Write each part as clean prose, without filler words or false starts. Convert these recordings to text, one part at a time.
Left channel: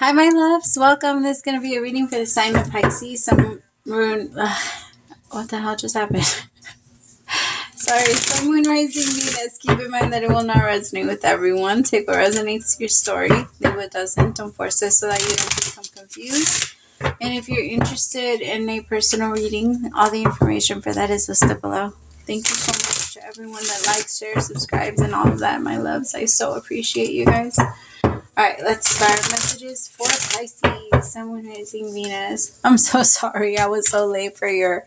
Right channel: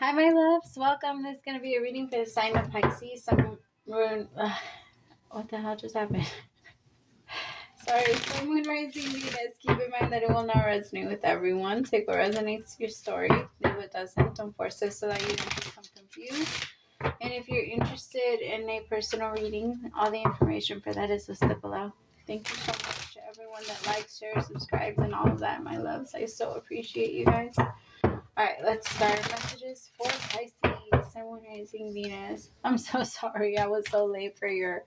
Hi, my loves. Welcome. This is going to be a reading for the sign of Pisces. Some moon. What the hell just happened? Sorry. Some moon, rising, Venus. Keep in mind that it will not resonate with everyone. Take what resonates to your story. Leave what doesn't. Don't force it so that you don't become confused. And if you're interested in a personal reading, all the information for that is listed below. Thank you so much to everyone that likes, shares, subscribes, and all of that, my loves. I so appreciate you guys. All right, let's start. Messages for Pisces, Sun, Rising, Venus. I'm so sorry. I was so late for your.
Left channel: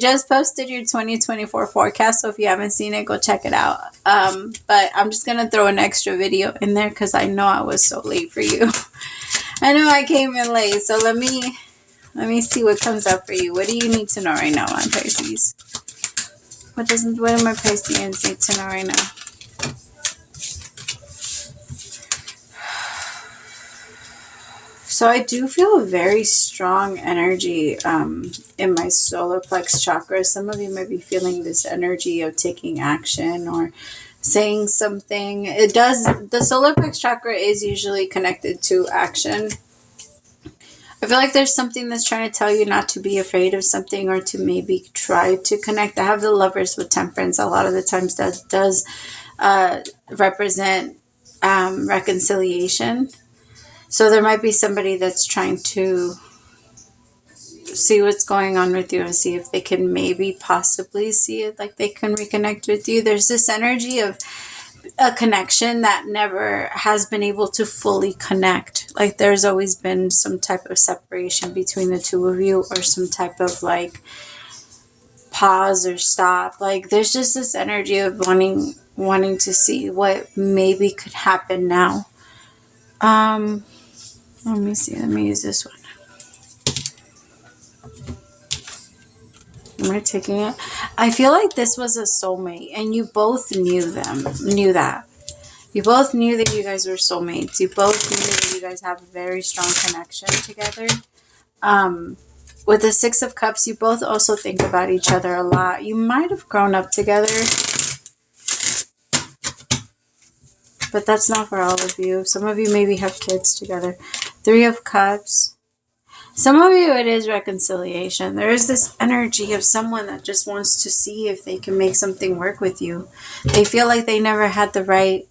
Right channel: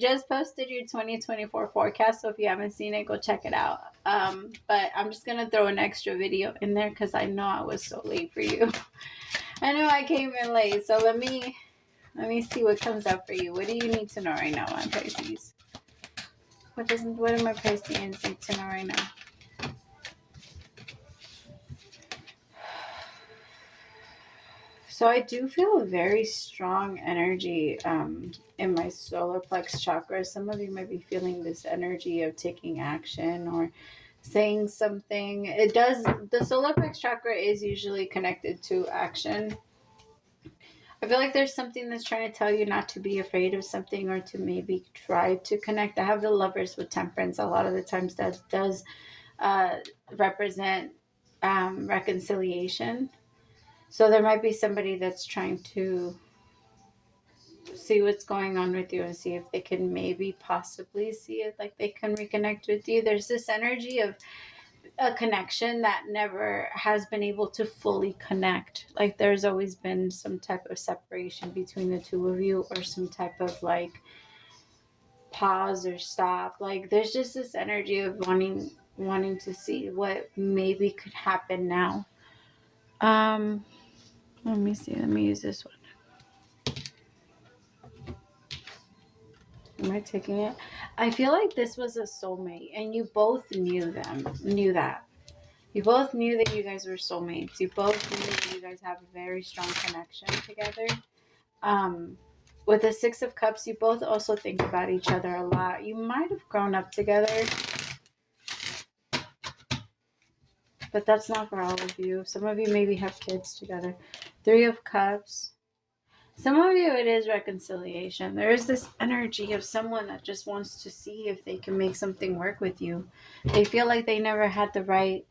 Just posted your 2024 forecast, so if you haven't seen it, go check it out. But I'm just gonna throw an extra video in there because I know I was so late for you. I know I came in late, so let me see what comes up for you. What do you need to know right now, on Pisces? What do my Pisceans need to know right now? So I do feel a very strong energy in my solar plex chakra. Some of you might be feeling this energy of taking action or saying something. The solar plex chakra is usually connected to action. I feel like there's something that's trying to tell you not to be afraid of something or to maybe try to connect. I have the Lovers with Temperance. A lot of the times that does represent reconciliation. So there might be somebody that's trying to see what's going on with you and see if they can maybe possibly see it, like they can reconnect with you. There's this energy of a connection that never has been able to fully connect. Like there's always been some type of separation between the two of you, or some type of like pause or stop. Like there's just this energy of wanting to see what maybe could happen now. Let me see. Let me use this one. Am I taking it? I feel like this was a soulmate, and you both knew that. You both knew that you guys were soulmates. You both knew that you guys have a very strong connection together. With the Six of Cups, you both also think about each other a lot. You might have grown up together, but that's not for all of you. Some of you maybe have kids together. Three of Cups. Some of you, it is reconciliation. There is this energy of someone that just wants to see if they can make something work with you. They feel like they never had they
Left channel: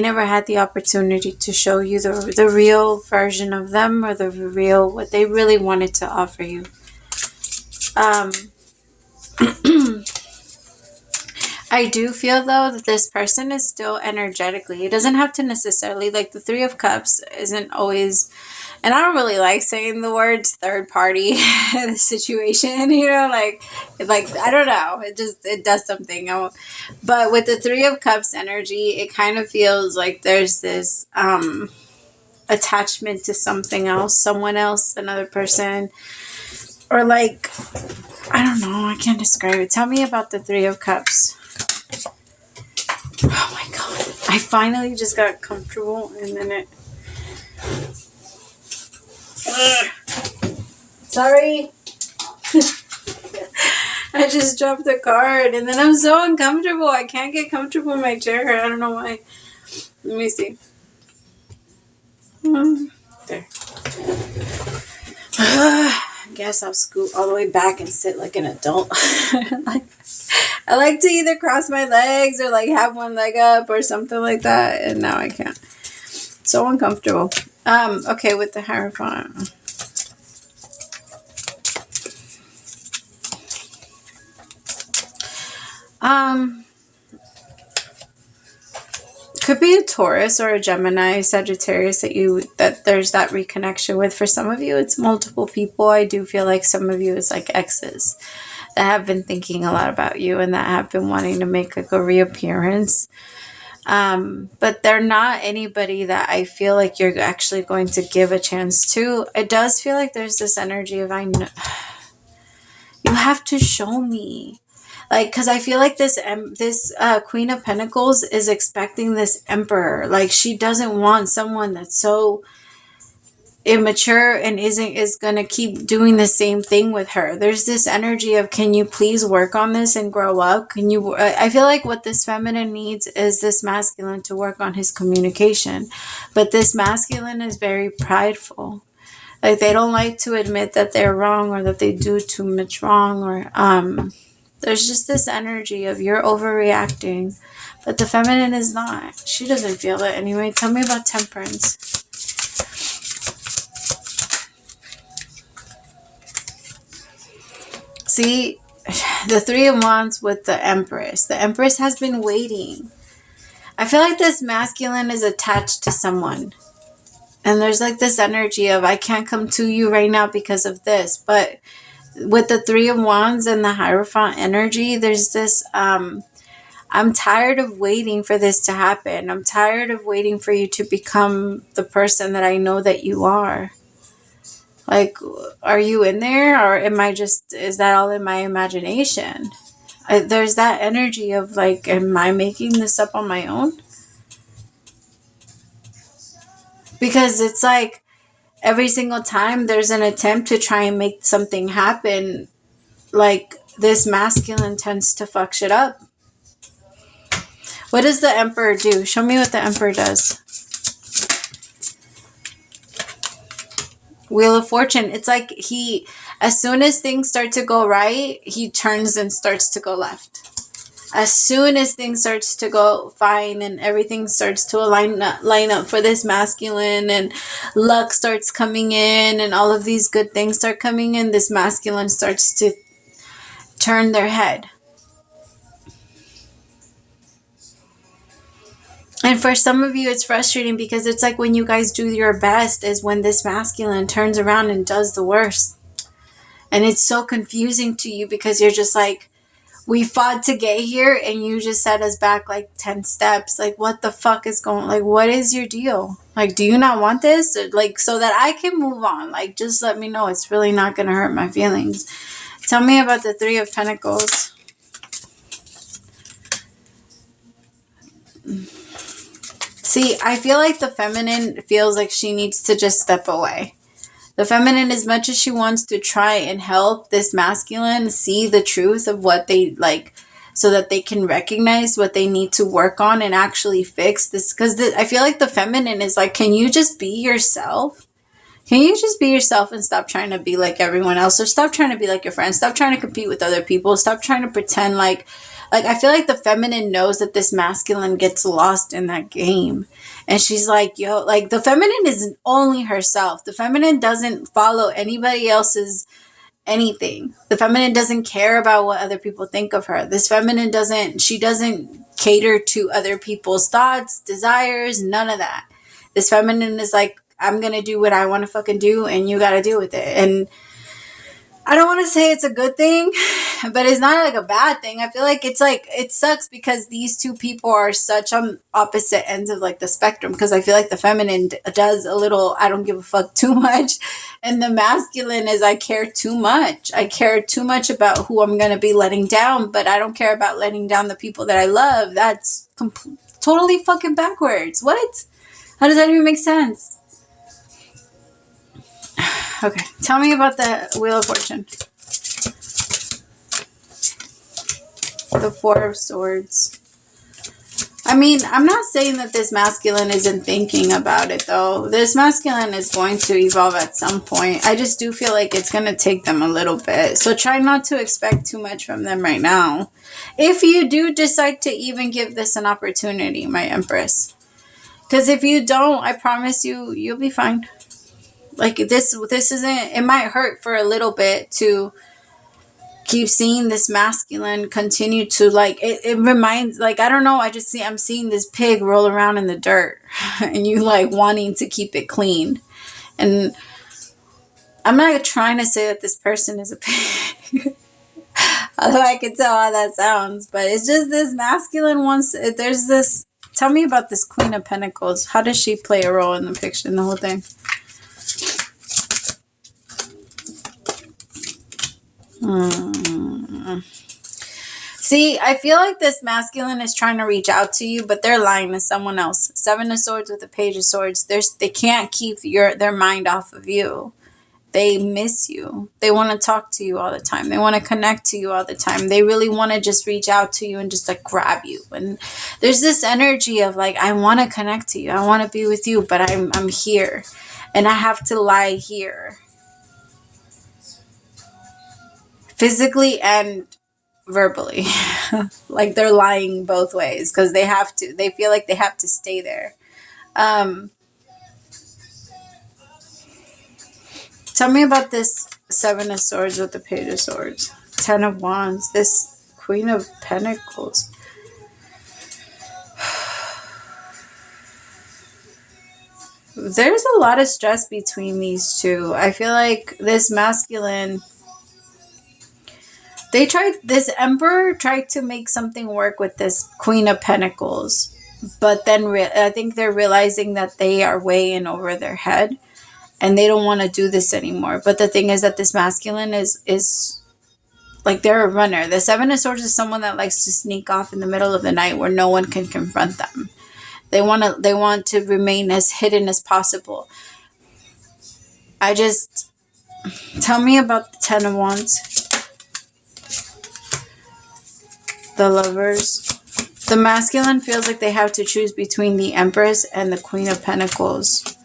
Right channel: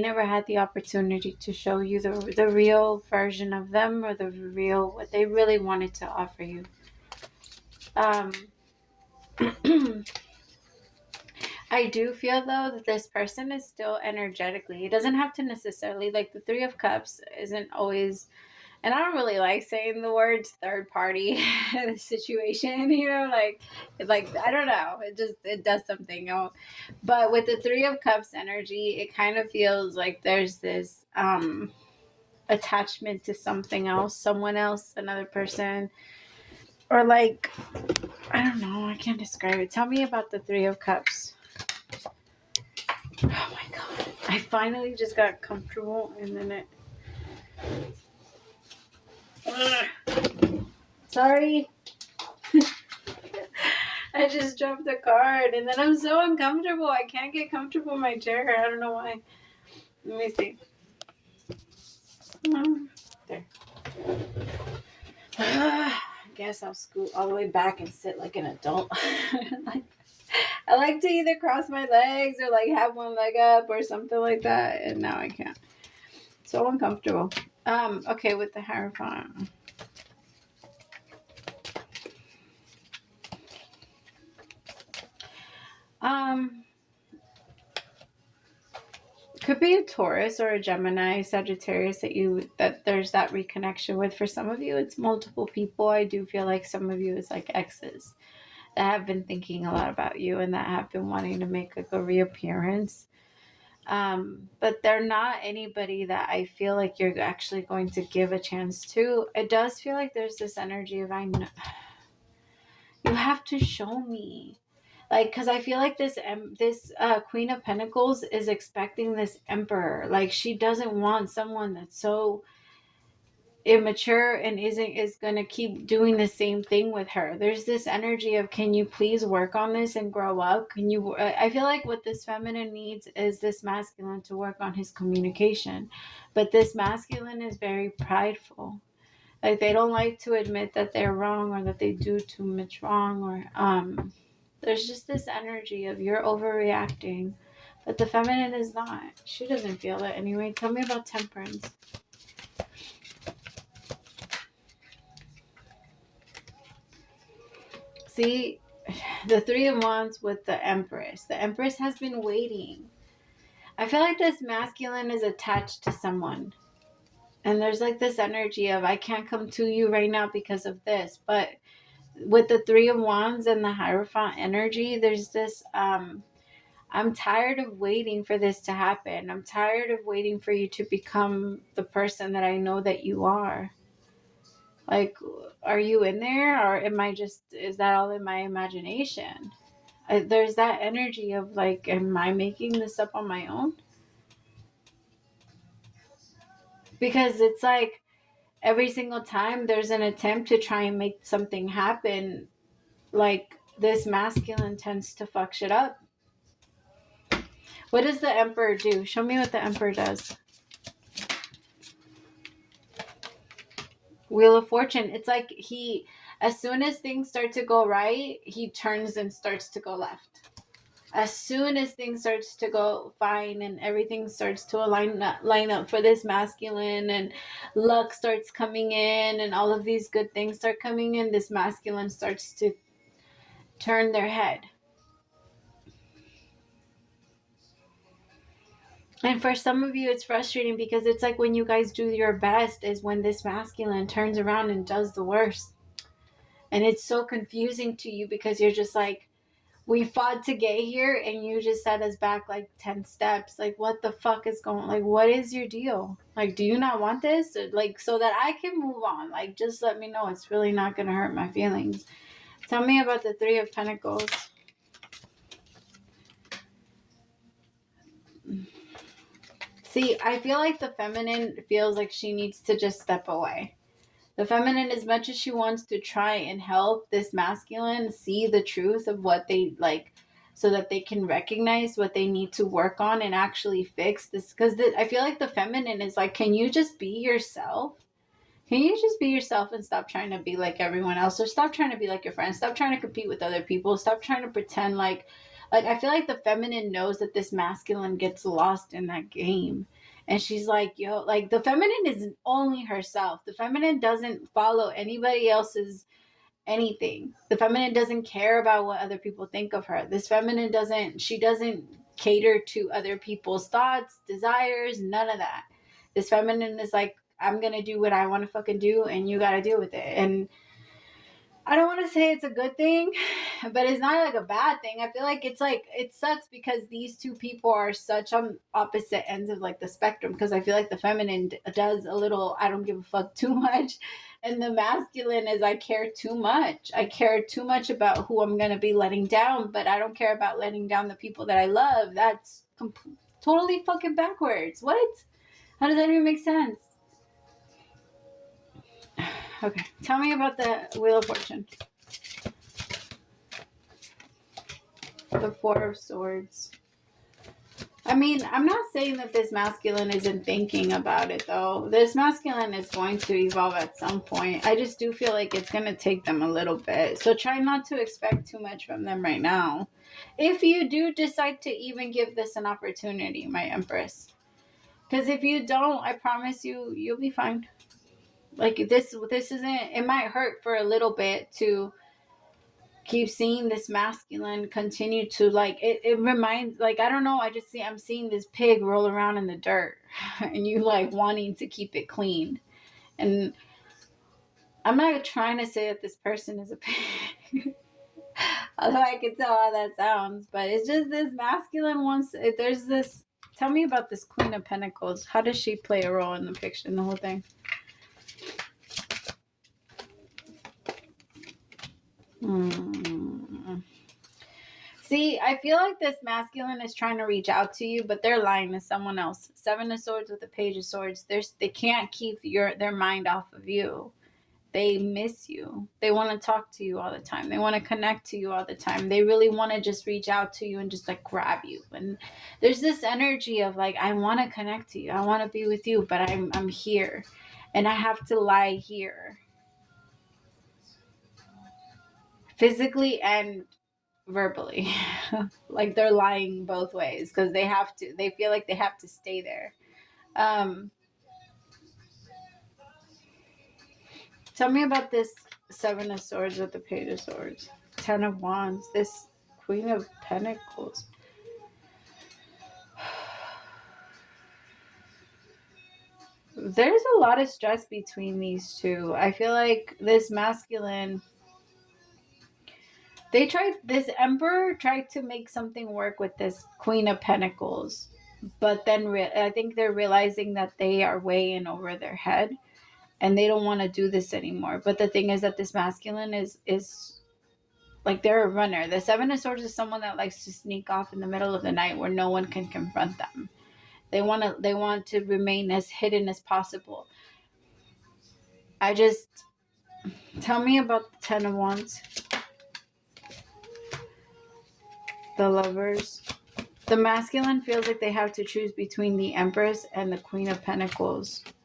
never had the opportunity to show you the real version of them, or what they really wanted to offer you. I do feel, though, that this person is still energetically. It doesn't have to necessarily, like the Three of Cups isn't always, and I don't really like saying the words third party in the situation, like I don't know. It does something. But with the Three of Cups energy, it kind of feels like there's this attachment to something else, someone else, another person, or like, I don't know. I can't describe it. Tell me about the Three of Cups. Oh my god. I finally just got comfortable, and then it... Sorry. I just dropped the card, and then I'm so uncomfortable. I can't get comfortable in my chair. I don't know why. Let me see. There. I guess I'll scoot all the way back and sit like an adult. I like to either cross my legs or like have one leg up or something like that, and now I can't. So uncomfortable. Okay, with the Hierophant. Could be a Taurus or a Gemini, Sagittarius that there's that reconnection with. For some of you, it's multiple people. I do feel like some of you is like exes that have been thinking a lot about you and that have been wanting to make like a reappearance. But they're not anybody that I feel like you're actually going to give a chance to. It does feel like there's this energy of, I know you have to show me. Like, because I feel like this Queen of Pentacles is expecting this Emperor. Like, she doesn't want someone that's so immature and is going to keep doing the same thing with her. There's this energy of, can you please work on this and grow up? Can you, I feel like what this feminine needs is this masculine to work on his communication. But this masculine is very prideful. Like, they don't like to admit that they're wrong or that they do too much wrong, or there's just this energy of you're overreacting. But the feminine is not. She doesn't feel it anyway. Tell me about temperance. See, the Three of Wands with the Empress. The Empress has been waiting. I feel like this masculine is attached to someone. And there's like this energy of, I can't come to you right now because of this. But with the Three of Wands and the Hierophant energy, there's this, I'm tired of waiting for this to happen. I'm tired of waiting for you to become the person that I know that you are. Like, are you in there, or is that all in my imagination? There's that energy of like, am I making this up on my own? Because it's like every single time there's an attempt to try and make something happen, like, this masculine tends to fuck shit up. What does the Emperor do? Show me what the Emperor does. Wheel of Fortune. It's like as soon as things start to go right, he turns and starts to go left. As soon as things starts to go fine and everything starts to line up for this masculine, and luck starts coming in and all of these good things start coming in, this masculine starts to turn their head. And for some of you, it's frustrating because it's like when you guys do your best is when this masculine turns around and does the worst. And it's so confusing to you because you're just like, we fought to get here and you just set us back like 10 steps. Like, what the fuck is going on? Like, what is your deal? Like, do you not want this? Or, like, so that I can move on. Like, just let me know. It's really not going to hurt my feelings. Tell me about the Three of Pentacles. See, I feel like the feminine feels like she needs to just step away. The feminine, as much as she wants to try and help this masculine see the truth of what they like, so that they can recognize what they need to work on and actually fix this. Because I feel like the feminine is like, can you just be yourself? Can you just be yourself and stop trying to be like everyone else? Or stop trying to be like your friends. Stop trying to compete with other people. Stop trying to pretend like I feel like the feminine knows that this masculine gets lost in that game. And she's like, yo, like, the feminine is only herself. The feminine doesn't follow anybody else's anything. The feminine doesn't care about what other people think of her. This feminine doesn't cater to other people's thoughts, desires, none of that. This feminine is like, I'm going to do what I want to fucking do, and you got to do with it. And I don't want to say it's a good thing, but it's not like a bad thing. I feel like it's like, it sucks because these two people are such on opposite ends of like the spectrum. Because I feel like the feminine does a little, I don't give a fuck too much. And the masculine is, I care too much. I care too much about who I'm going to be letting down, but I don't care about letting down the people that I love. That's totally fucking backwards. What? How does that even make sense? Okay, tell me about the Wheel of Fortune. The Four of Swords. I mean, I'm not saying that this masculine isn't thinking about it, though. This masculine is going to evolve at some point. I just do feel like it's going to take them a little bit. So try not to expect too much from them right now. If you do decide to even give this an opportunity, my Empress. Because if you don't, I promise you, you'll be fine. Like, this isn't, it might hurt for a little bit to keep seeing this masculine continue to, like, it reminds, like, I don't know, I'm seeing this pig roll around in the dirt and you like wanting to keep it clean. And I'm not trying to say that this person is a pig, although I can tell how that sounds, but it's just this masculine wants, there's this, tell me about this Queen of Pentacles. How does she play a role in the picture, in the whole thing? See, I feel like this masculine is trying to reach out to you, but they're lying to someone else. Seven of Swords with the Page of Swords. They can't keep their mind off of you. They miss you. They want to talk to you all the time. They want to connect to you all the time. They really want to just reach out to you and just like grab you. And there's this energy of like, I want to connect to you. I want to be with you, but I'm here and I have to lie here. Physically and verbally. Like they're lying both ways because they feel like they have to stay there. Tell me about this Seven of Swords with the Page of Swords. Ten of Wands. This Queen of Pentacles. There's a lot of stress between these two. I feel like this masculine... This Emperor tried to make something work with this Queen of Pentacles. But then I think they're realizing that they are way in over their head. And they don't want to do this anymore. But the thing is that this masculine is like they're a runner. The Seven of Swords is someone that likes to sneak off in the middle of the night where no one can confront them. They want to remain as hidden as possible. Tell me about the Ten of Wands. The Lovers. The masculine feels like they have to choose between the Empress and the Queen of Pentacles.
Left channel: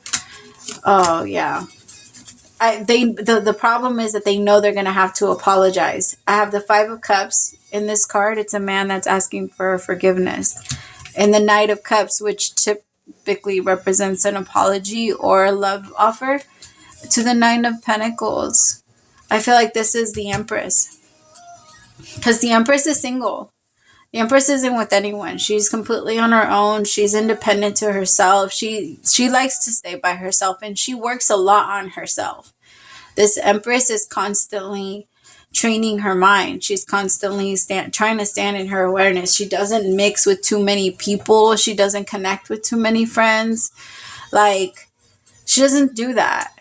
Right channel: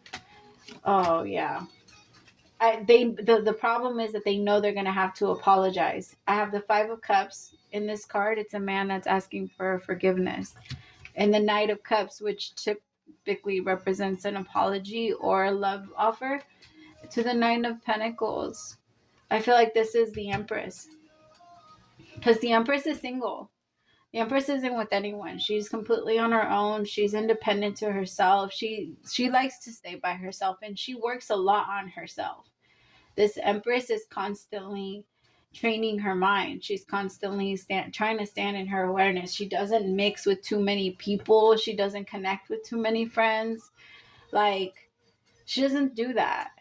Oh, yeah. The problem is that they know they're going to have to apologize. I have the Five of Cups. In this card, it's a man that's asking for forgiveness. And the Knight of Cups, which typically represents an apology or a love offer, to the Nine of Pentacles. I feel like this is the Empress. Because the Empress is single. The Empress isn't with anyone. She's completely on her own. She's independent to herself. She likes to stay by herself, and she works a lot on herself. This Empress is constantly training her mind. She's constantly trying to stand in her awareness. She doesn't mix with too many people. She doesn't connect with too many friends. Like, she doesn't do that.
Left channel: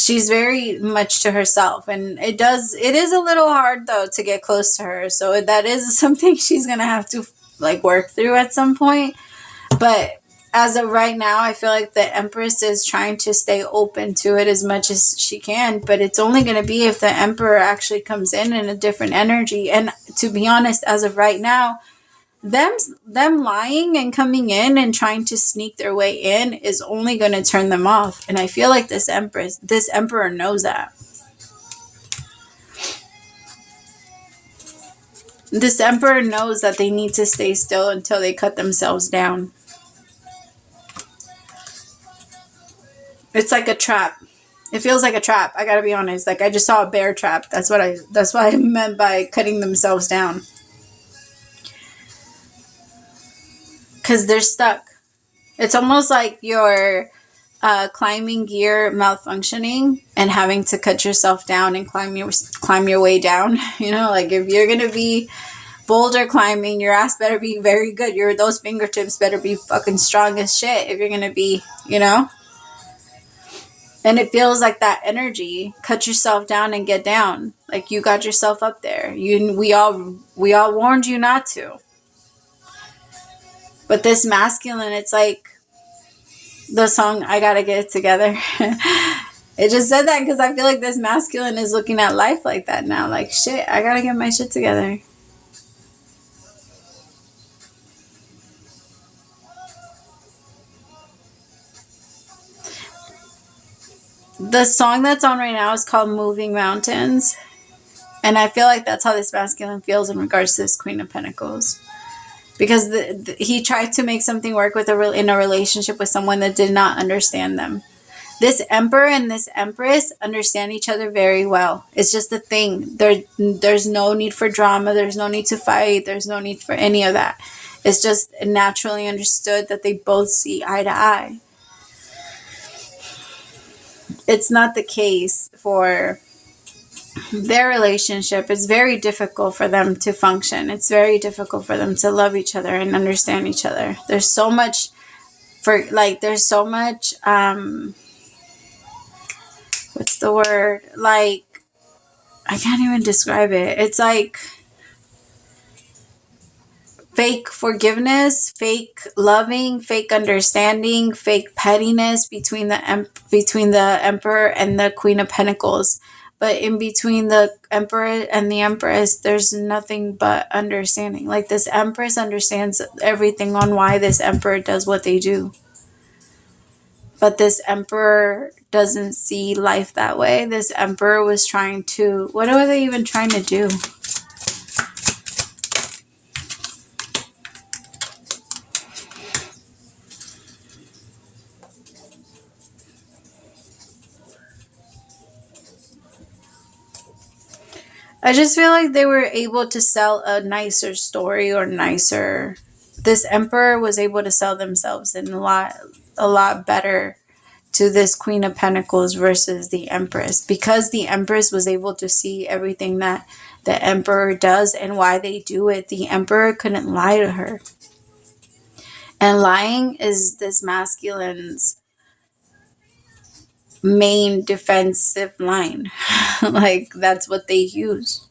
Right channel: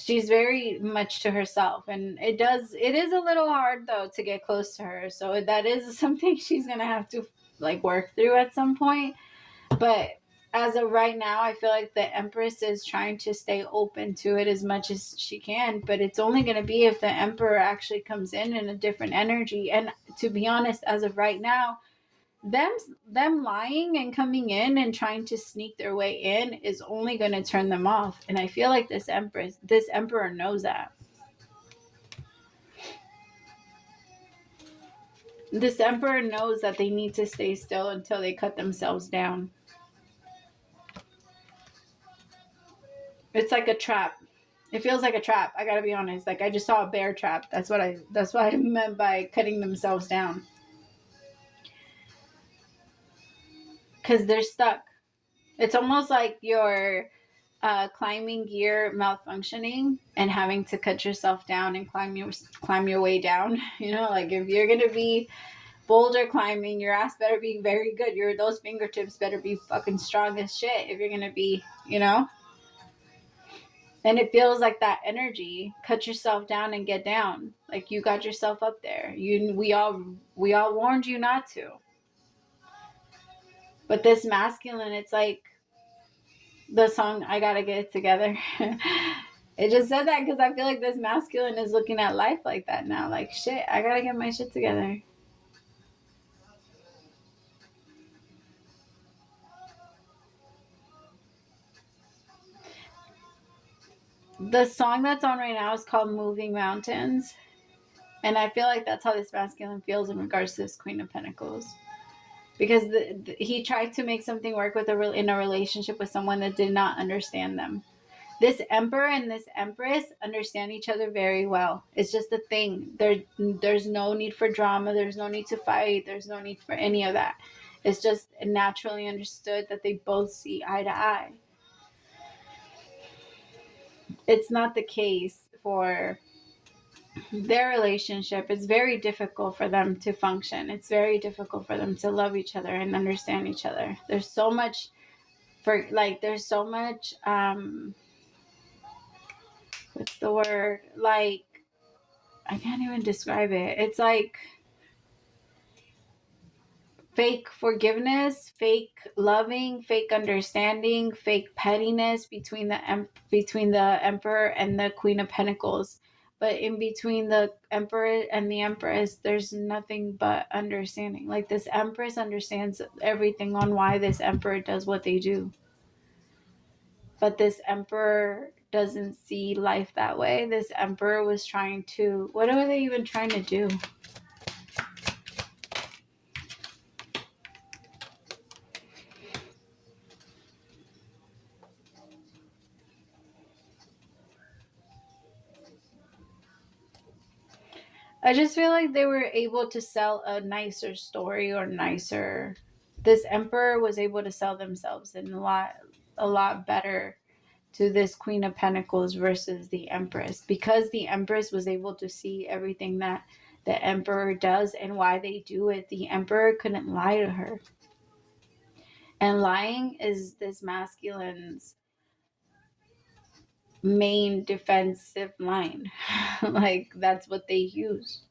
She's very much to herself, and it is a little hard though to get close to her. So that is something she's going to have to like work through at some point. But as of right now, I feel like the Empress is trying to stay open to it as much as she can, but it's only going to be if the Emperor actually comes in a different energy. And to be honest, as of right now, them lying and coming in and trying to sneak their way in is only going to turn them off. And I feel like this Emperor knows that. This Emperor knows that they need to stay still until they cut themselves down. It's like a trap. It feels like a trap. I gotta be honest. Like, I just saw a bear trap. That's what I meant by cutting themselves down. Because they're stuck. It's almost like your climbing gear malfunctioning and having to cut yourself down and climb your way down. You know, like if you're gonna be boulder climbing, your ass better be very good. Those fingertips better be fucking strong as shit if you're gonna be, you know. And it feels like that energy. Cut yourself down and get down. Like you got yourself up there. We all warned you not to. But this masculine, it's like the song I Gotta Get It Together. It just said that because I feel like this masculine is looking at life like that now. Like, shit, I gotta get my shit together. The song that's on right now is called Moving Mountains. And I feel like that's how this masculine feels in regards to this Queen of Pentacles. Because he tried to make something work in a relationship with someone that did not understand them. This Emperor and this Empress understand each other very well. It's just the thing. There's no need for drama. There's no need to fight. There's no need for any of that. It's just naturally understood that they both see eye to eye. It's not the case for their relationship. It's very difficult for them to function. It's very difficult for them to love each other and understand each other. There's so much what's the word? Like, I can't even describe it. It's like fake forgiveness, fake loving, fake understanding, fake pettiness between the Emperor and the Queen of Pentacles. But in between the Emperor and the Empress, there's nothing but understanding. Like, this Empress understands everything on why this Emperor does what they do. But this Emperor doesn't see life that way. This Emperor was trying to, what are they even trying to do? I just feel like they were able to sell a nicer story or nicer. This Emperor was able to sell themselves in a lot better to this Queen of Pentacles versus the Empress, because the Empress was able to see everything that the Emperor does and why they do it. The Emperor couldn't lie to her. And lying is this masculine's main defensive line. Like, that's what they use.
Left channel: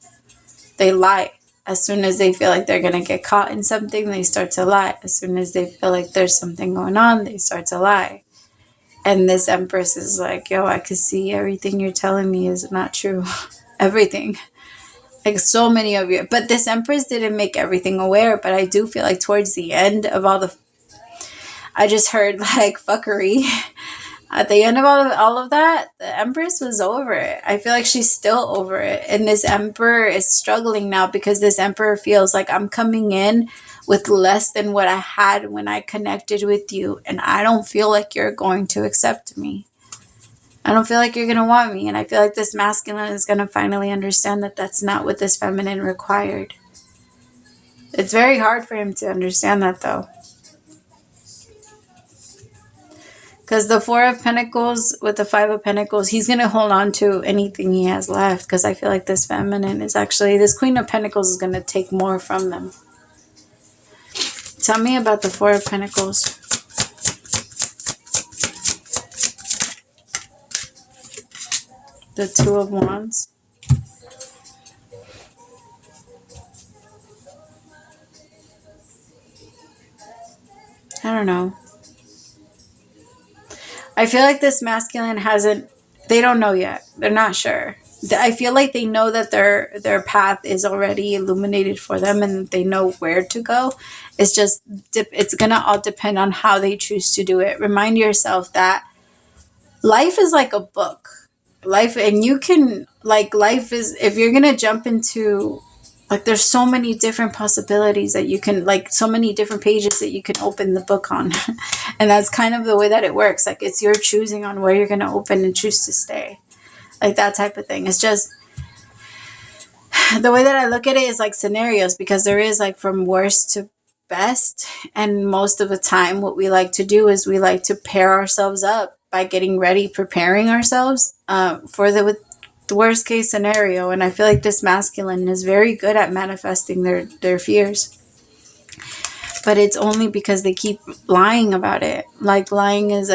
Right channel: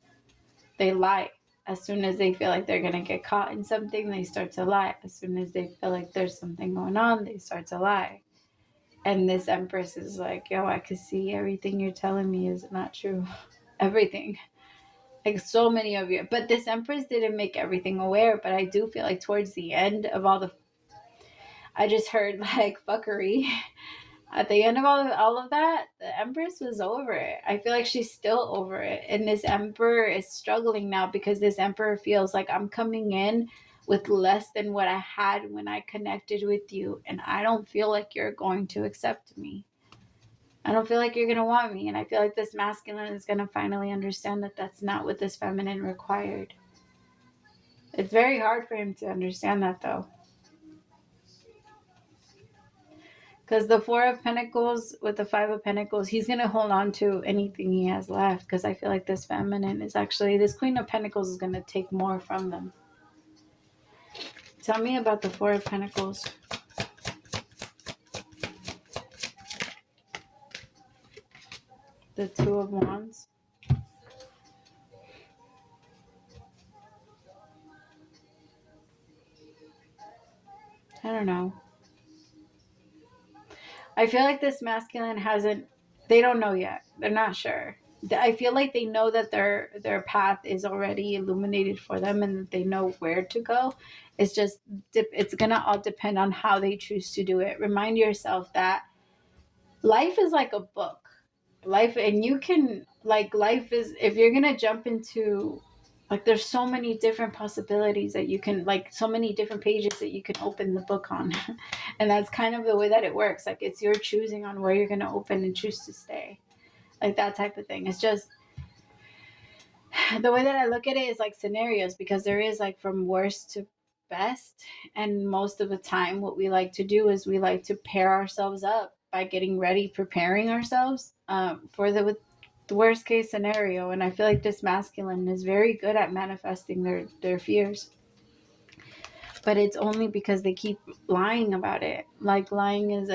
They lie. As soon as they feel like they're going to get caught in something, they start to lie. As soon as they feel like there's something going on, they start to lie. And this Empress is like, yo, I could see everything you're telling me is not true. Everything. Like, so many of you. But this Empress didn't make everything aware. But I do feel like towards the end of all the... I just heard, like, fuckery. At the end of all of that, the Empress was over it. I feel like she's still over it. And this Emperor is struggling now because this Emperor feels like, I'm coming in with less than what I had when I connected with you. And I don't feel like you're going to accept me. I don't feel like you're going to want me. And I feel like this masculine is going to finally understand that that's not what this feminine required. It's very hard for him to understand that, though. Because the Four of Pentacles with the Five of Pentacles, he's going to hold on to anything he has left. Because I feel like this feminine is actually, this Queen of Pentacles is going to take more from them. Tell me about the Four of Pentacles. The Two of Wands. I don't know. I feel like this masculine hasn't, they don't know yet. They're not sure. I feel like they know that their path is already illuminated for them and they know where to go. It's just, it's going to all depend on how they choose to do it. Remind yourself that life is like a book. Life, and you can, like, life is, if you're going to jump into, like, there's so many different possibilities that you can, like, so many different pages that you can open the book on. And that's kind of the way that it works. Like, it's your choosing on where you're going to open and choose to stay. Like, that type of thing. It's just, the way that I look at it is like scenarios, because there is, like, from worst to best. And most of the time, what we like to do is we like to pair ourselves up by getting ready, preparing ourselves for the worst case scenario. And I feel like this masculine is very good at manifesting their fears. But it's only because they keep lying about it. Like, lying is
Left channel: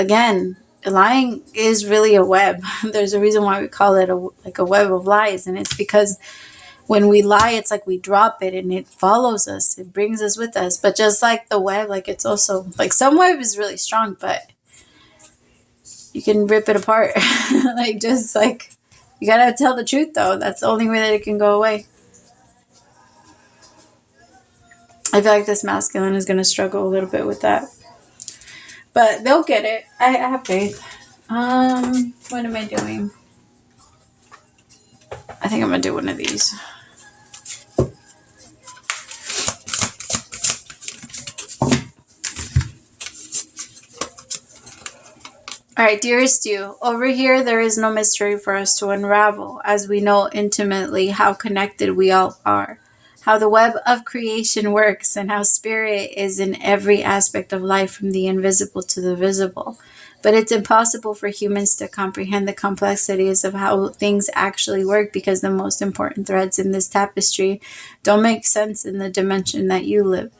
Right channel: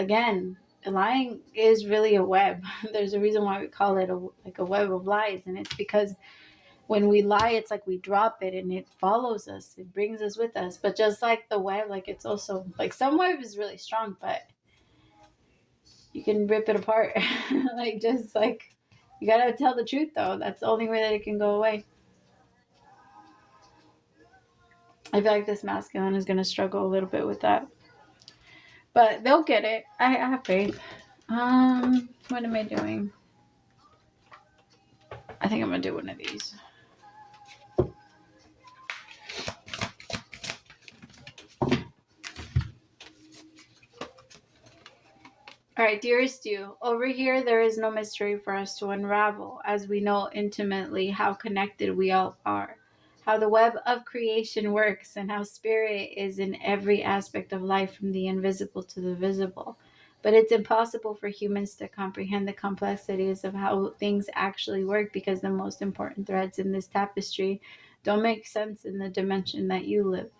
really a web. There's a reason why we call it a web of lies. And it's because when we lie, it's like we drop it and it follows us. It brings us with us. But just like the web, like, it's also, like, some web is really strong, but you can rip it apart. Like, just like, you gotta tell the truth, though. That's the only way that it can go away. I feel like this masculine is gonna struggle a little bit with that, but they'll get it. I have faith. What am I doing? I think I'm gonna do one of these. All right, dearest you, over here there is no mystery for us to unravel, as we know intimately how connected we all are, how the web of creation works, and how spirit is in every aspect of life, from the invisible to the visible. But it's impossible for humans to comprehend the complexities of how things actually work, because the most important threads in this tapestry don't make sense in the dimension that you live.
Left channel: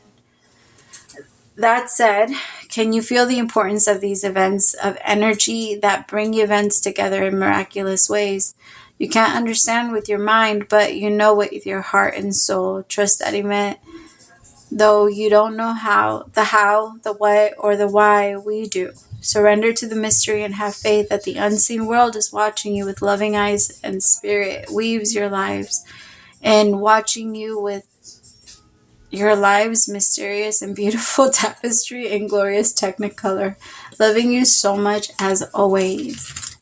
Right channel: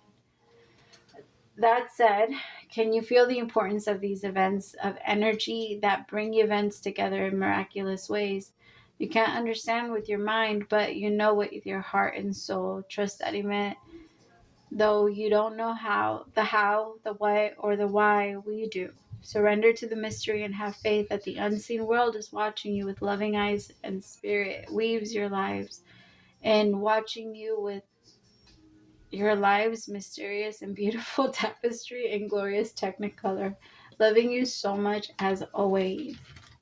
That said, can you feel the importance of these events of energy that bring events together in miraculous ways? You can't understand with your mind, but you know with your heart and soul. Trust that event Though you don't know how, the what, or the why, we do. Surrender to the mystery and have faith that the unseen world is watching you with loving eyes, and spirit weaves your lives and watching you with your lives mysterious and beautiful tapestry and glorious technicolor, loving you so much as always.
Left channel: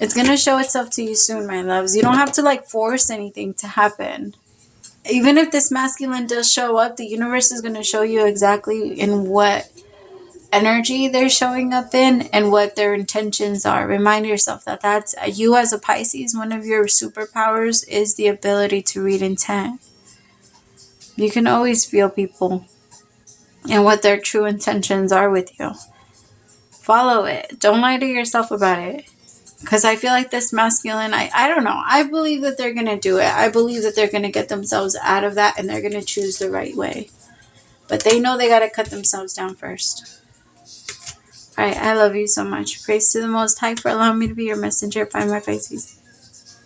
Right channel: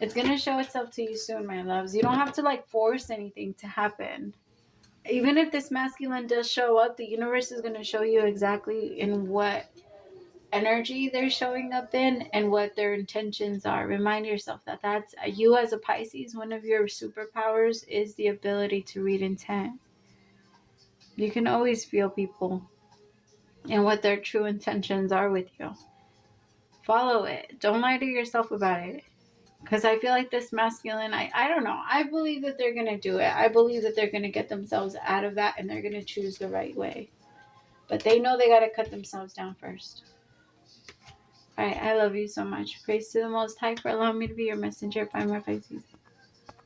It's going to show itself to you soon, my loves. You don't have to like force anything to happen. Even if this masculine does show up, the universe is going to show you exactly in what energy they're showing up in and what their intentions are. Remind yourself that that's you as a Pisces. One of your superpowers is the ability to read intent. You can always feel people and what their true intentions are with you. Follow it. Don't lie to yourself about it. Because I feel like this masculine, I don't know. I believe that they're going to do it. I believe that they're going to get themselves out of that and they're going to choose the right way. But they know they got to cut themselves down first. All right, I love you so much. Praise to the Most High for allowing me to be your messenger. Bye, my Pisces.